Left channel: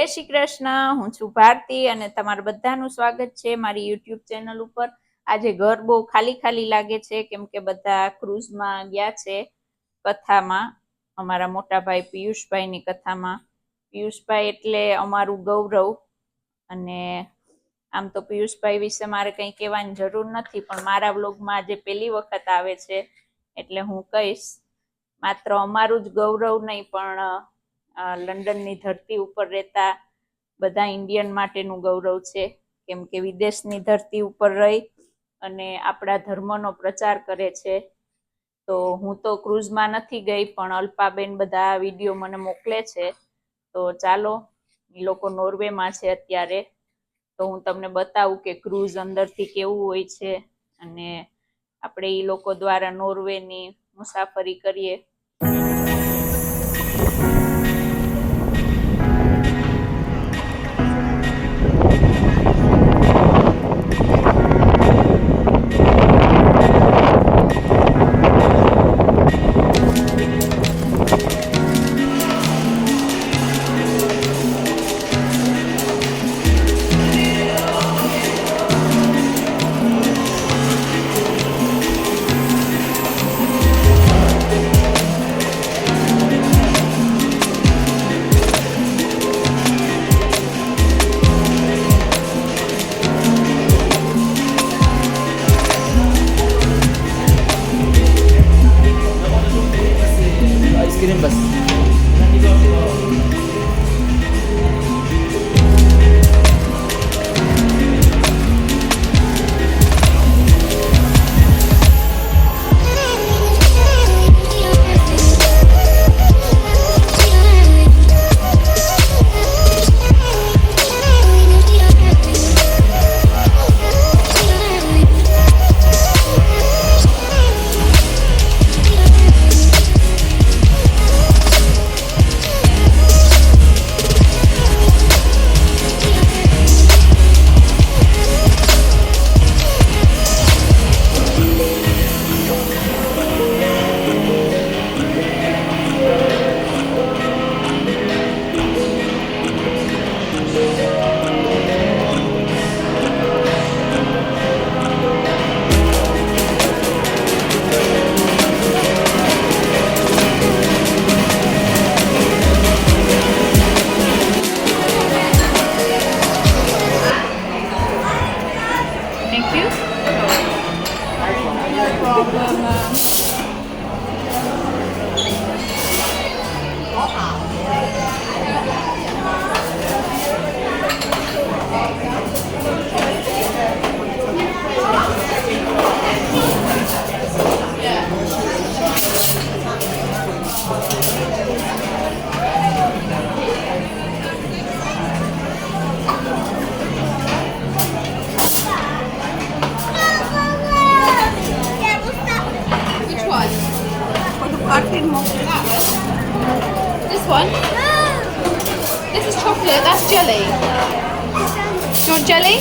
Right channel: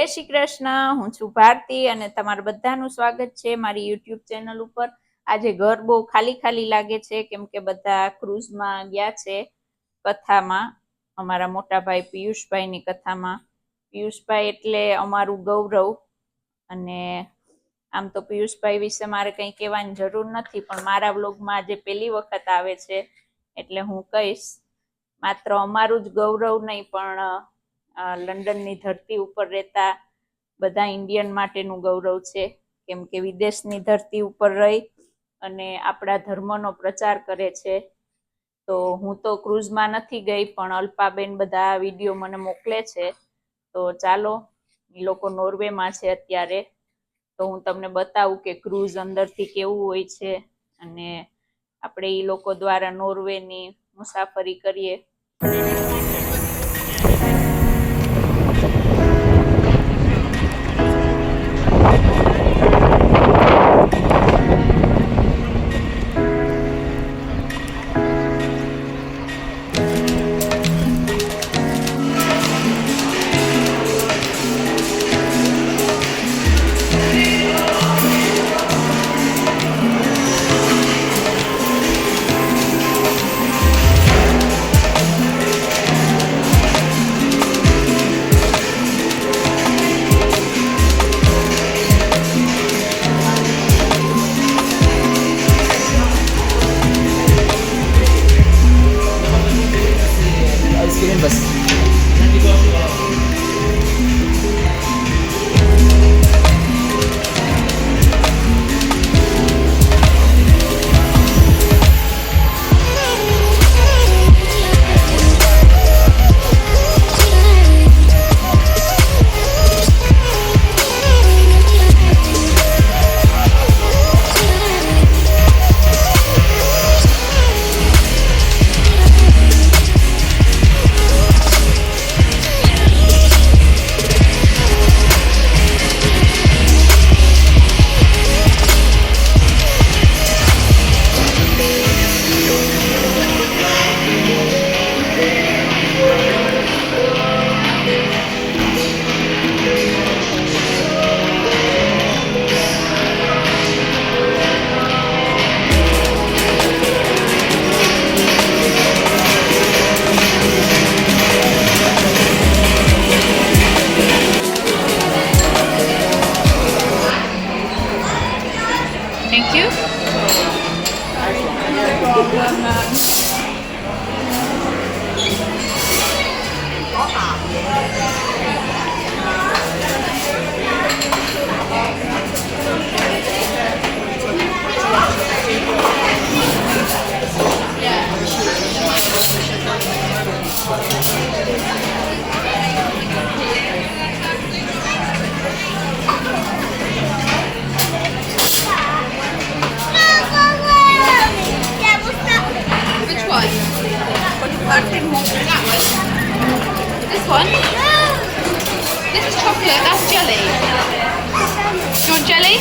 જય શ્રી કૃષ્ણ. હું છું ભારતી અને તમારું બધાનું સ્વાગત છે મારી યુટ્યુબ ચેનલ ઉપર. આજે ઘર બહુ ખાલી ખાલી લાગે છે કેમ કે બધા ક્રૂઝમાં ગયા છે કથામાં, અમારા મોટા ભાઈ પિયુષભાઈની કથામાં. પિયુષભાઈ એટલે અમારું ગૌરવ. અને આમ તો પિયુષભાઈ વિશે મારે કંઈ કહેવાની જરૂર નથી, પણ મારા વ્લોગમાં આજે પહેલી વખત આવે છે એટલે હું કહીશ. માત્ર અમારું જ ગૌરવ નહીં, પણ લંડનની ધરતી ઉપર રહેતા બધા ઇન્ડિયન માટેનું ગૌરવ છે, કેમ કે વિદેશની ધરતી ઉપર રહી અને આપણા ધર્મનો પ્રચાર કરે છે. તો હું તો ક્રૂઝમાં નથી ગઈ, પણ અલ્પાબેન બધા વિડીયો મને મોકલે છે. તો ચાલો, એ લોકો નોર્વેમાં છે અત્યારે, તો હું તમને બતાવું કે ક્રૂઝ અંદરથી કેવું હોય છે અને આપણે એ લોકો દ્વારા નોર્વેની મુસાફરી કરીએ. Thank you. This one? This is chocolate, that's jelly. Do you want jelly?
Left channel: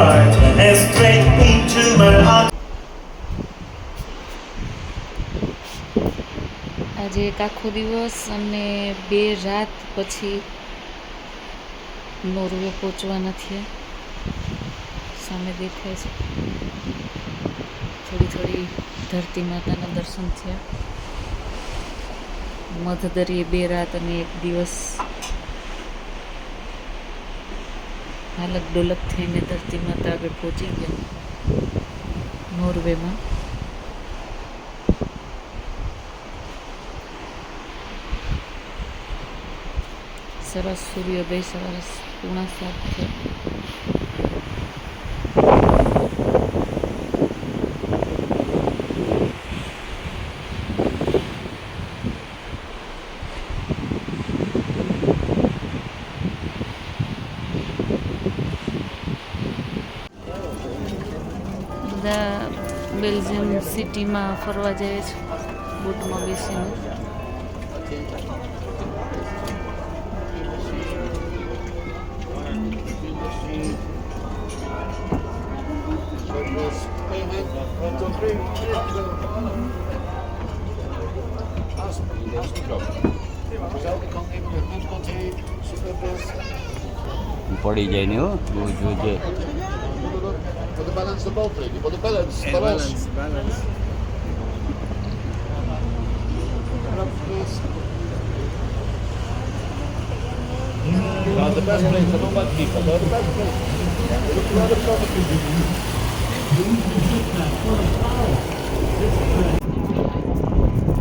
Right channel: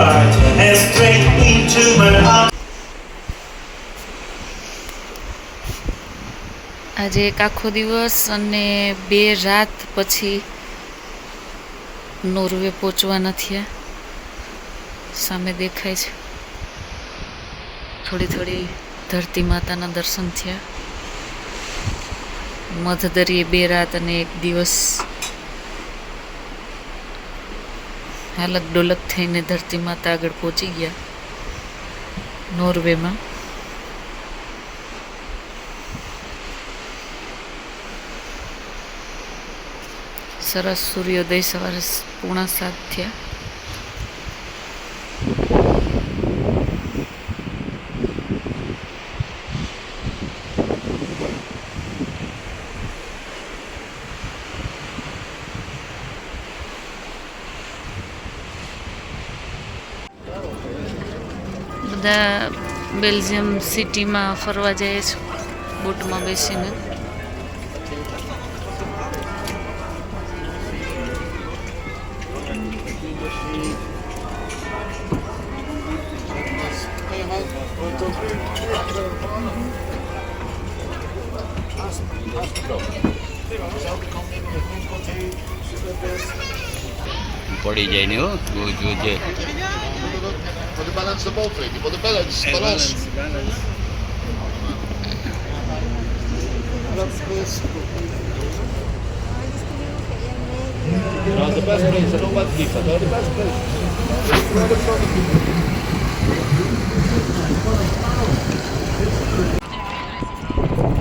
heart and straight into my arms. આજે એક આખો દિવસ અને 2 રાત પછી નોર્વે પહોંચવાના થયા. સામે દેખાય છે થોડી થોડી ધરતી માતાના દર્શન થયા. મધદરિયે 2 રાત અને 1 દિવસ હાલક ડોલક થઈને ધરતી માતા આગળ પહોંચી ગયા નોર્વેમાં. સરસ સૂર્યોદય સવારે 6:45 થયા. બધા બેલ્જિયમ સિટીમાં ફરવા જાય છે બોટમાં બેસીને. પડી જાય ને હો બહુ જોજે. For the balance of both, lady. For the balance. Balance. You're the best place. No bad keeper. You're the best place.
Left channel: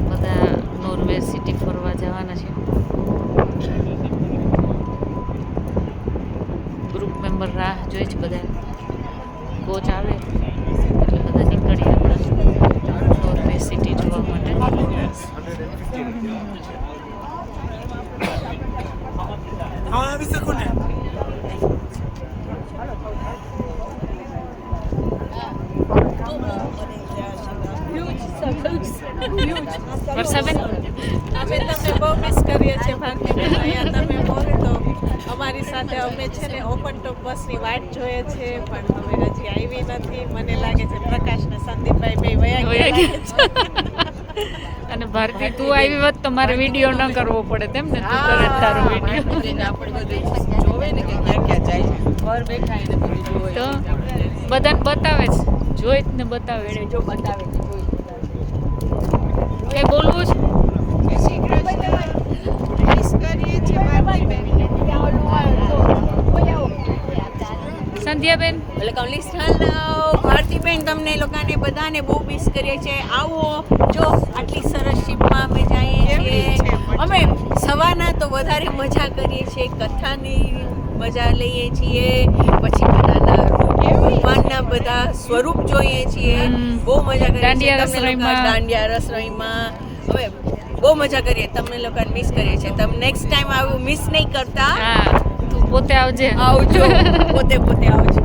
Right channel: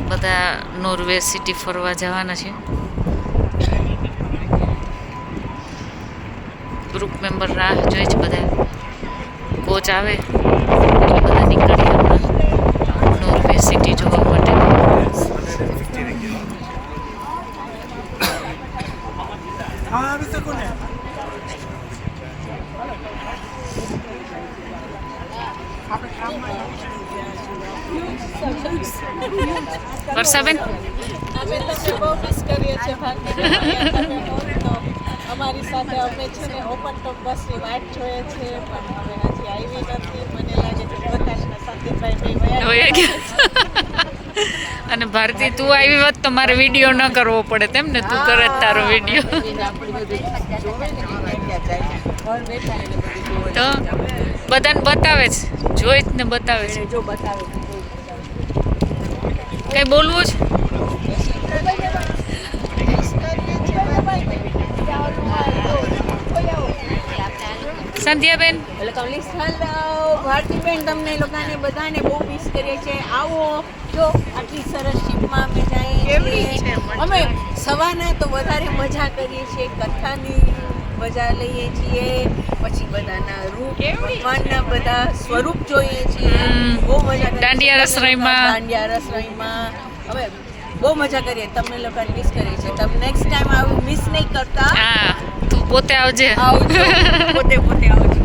બધા નોર્વે સિટી ફરવા જવાના છે. ગ્રુપ મેમ્બર રાહ જોઈ છે. બધા કોચ આવે એટલે બધા નીકળીએ હમણાં નોર્વે સિટી જોવા માટે. વર્ષાબેન અમે તમને બહુ મિસ કરીએ છીએ ભાગ્યબેન. અહીંયા તમે હોત તો અમારી સાથે અમે છે ને ઓપન ટોપ બસની વાટ જોઈએ છે પણ હવે હજી આવી નથી. મને લાગે છે પ્રકાશ ને સંદીપભાઈ બે વયા ગયા. અને ભારતી તું આવી હોત તો મારે વિડીયો ન કરવો પડે તેમ ને. તું કરે જ તારો વિડીયો તો બધાને બતાવે છે. જોઈ જ ને બતાવે છે. કઈ બોલવું છે? સંધ્યાબેન ભારતીબેન તમને લોકોને બધાને બહુ મિસ કરીએ છીએ. આવો જો આટલી સરસ શિપમાં અમે જઈએ છીએ. અમે સવારના તો વધારે મજા કરીએ છીએ. કથાની મજા લઈએ છીએ. પછી બધાના ભગવાનના બધા સ્વરૂપ જોઈએ છીએ. બહુ મજા કરીએ. દાંડિયા રસોઈમાં હવે બહુ મજા કરીએ. તમને લોકોને મિસ કરીએ છીએ. તમે નેક્સ્ટ ટાઈમ આવું મિસ નહીં કરતા. હા તું પોતે આવજે. આવજો પોતે આવજો.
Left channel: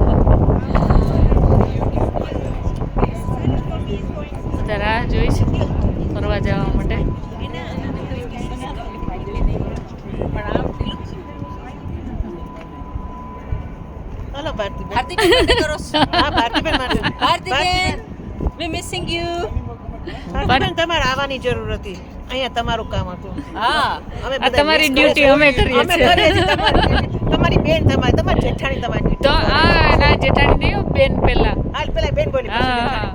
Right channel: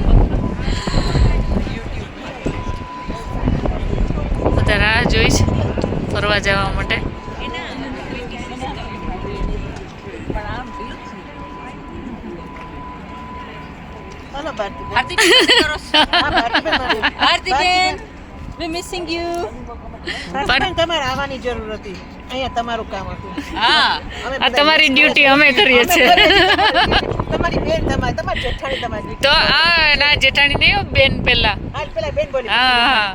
બધા રાહ જોઈ છે ફરવા જવા માટે. Hello, Bhartiben. We missing you. Bhartiben, તમારે આવવાની જરૂર હતી. અહીંયા તમારું કામ હતું. હા આ તમારી ડ્યુટી અમે કરીએ છીએ. તમારી બેન તમારી જેઠાણી તમારી. તો આ ના જેઠાણી નહીં બેન પેલા. હાલ પેલા બેન બોલી. હા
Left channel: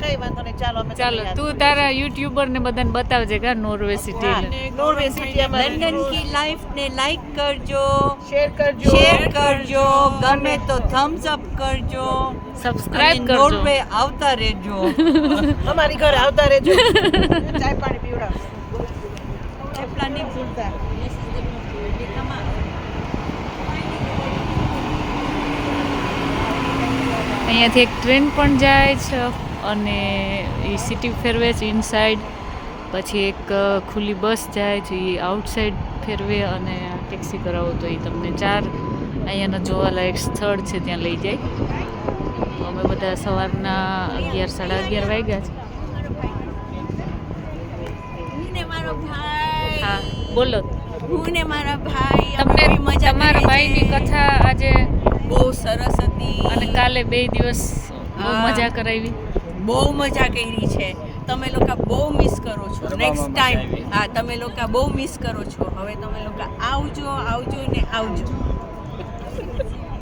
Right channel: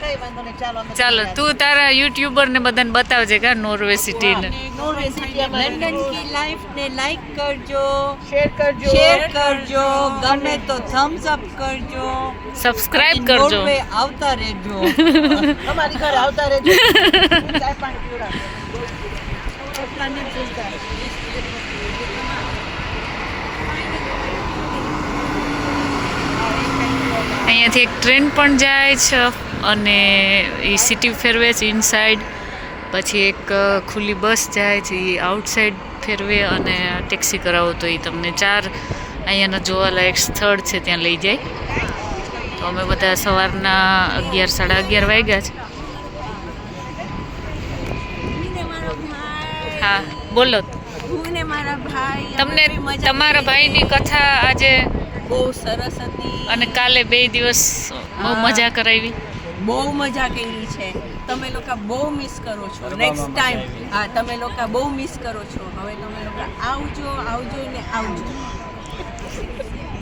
કઈ વાંધો નહીં. ચાલો અમે ચાલો તું તારા યુટ્યુબર ને બધાને બતાવજે કા નોર્વે સિટી ને. નોર્વે સિટી અમારી લંડન की लाइफ ने लाइक करजो, શેર કરજો. गमे तो थम्स अप करजो, સબસ્ક્રાઇબ કરજો. नॉर्वे આવતા રહેજો. અમારી ઘરે આવતા રહેજો. ચાય પાણી પીવડાવ. અહીંયાથી એક ટ્રેન પણ જાય છે અને એ સિટી ફેરવે છે ઇનસાઇડ. પછી એક ખુલ્લી બસ જાય છે એ આઉટસાઇડ ફેરવે અને ટેક્સી કરાવો તો એ તમને 4 અહીંયાના જોવાલાયક સ્થળ છે ત્યાં લઈ જાય. તો અમે બધા સવારના 11 સાડા 11 વાગ્યા છે. હા બોલો. હું ને મારા ભાઈ તમને તમારા ભાઈની કથા આજે બહુ સરસ હતી અને કાલે 2 દિવસ બહુ હા. મજા કરાવી. બહુ મજા કરી છે. તમે લોકો બહુ મિસ કરો છો. નેક્સ્ટ ટાઈમ હા તમે લોકો બહુ મિસ કરો છો. હવે તમે લોકો આવજો ને આવજો.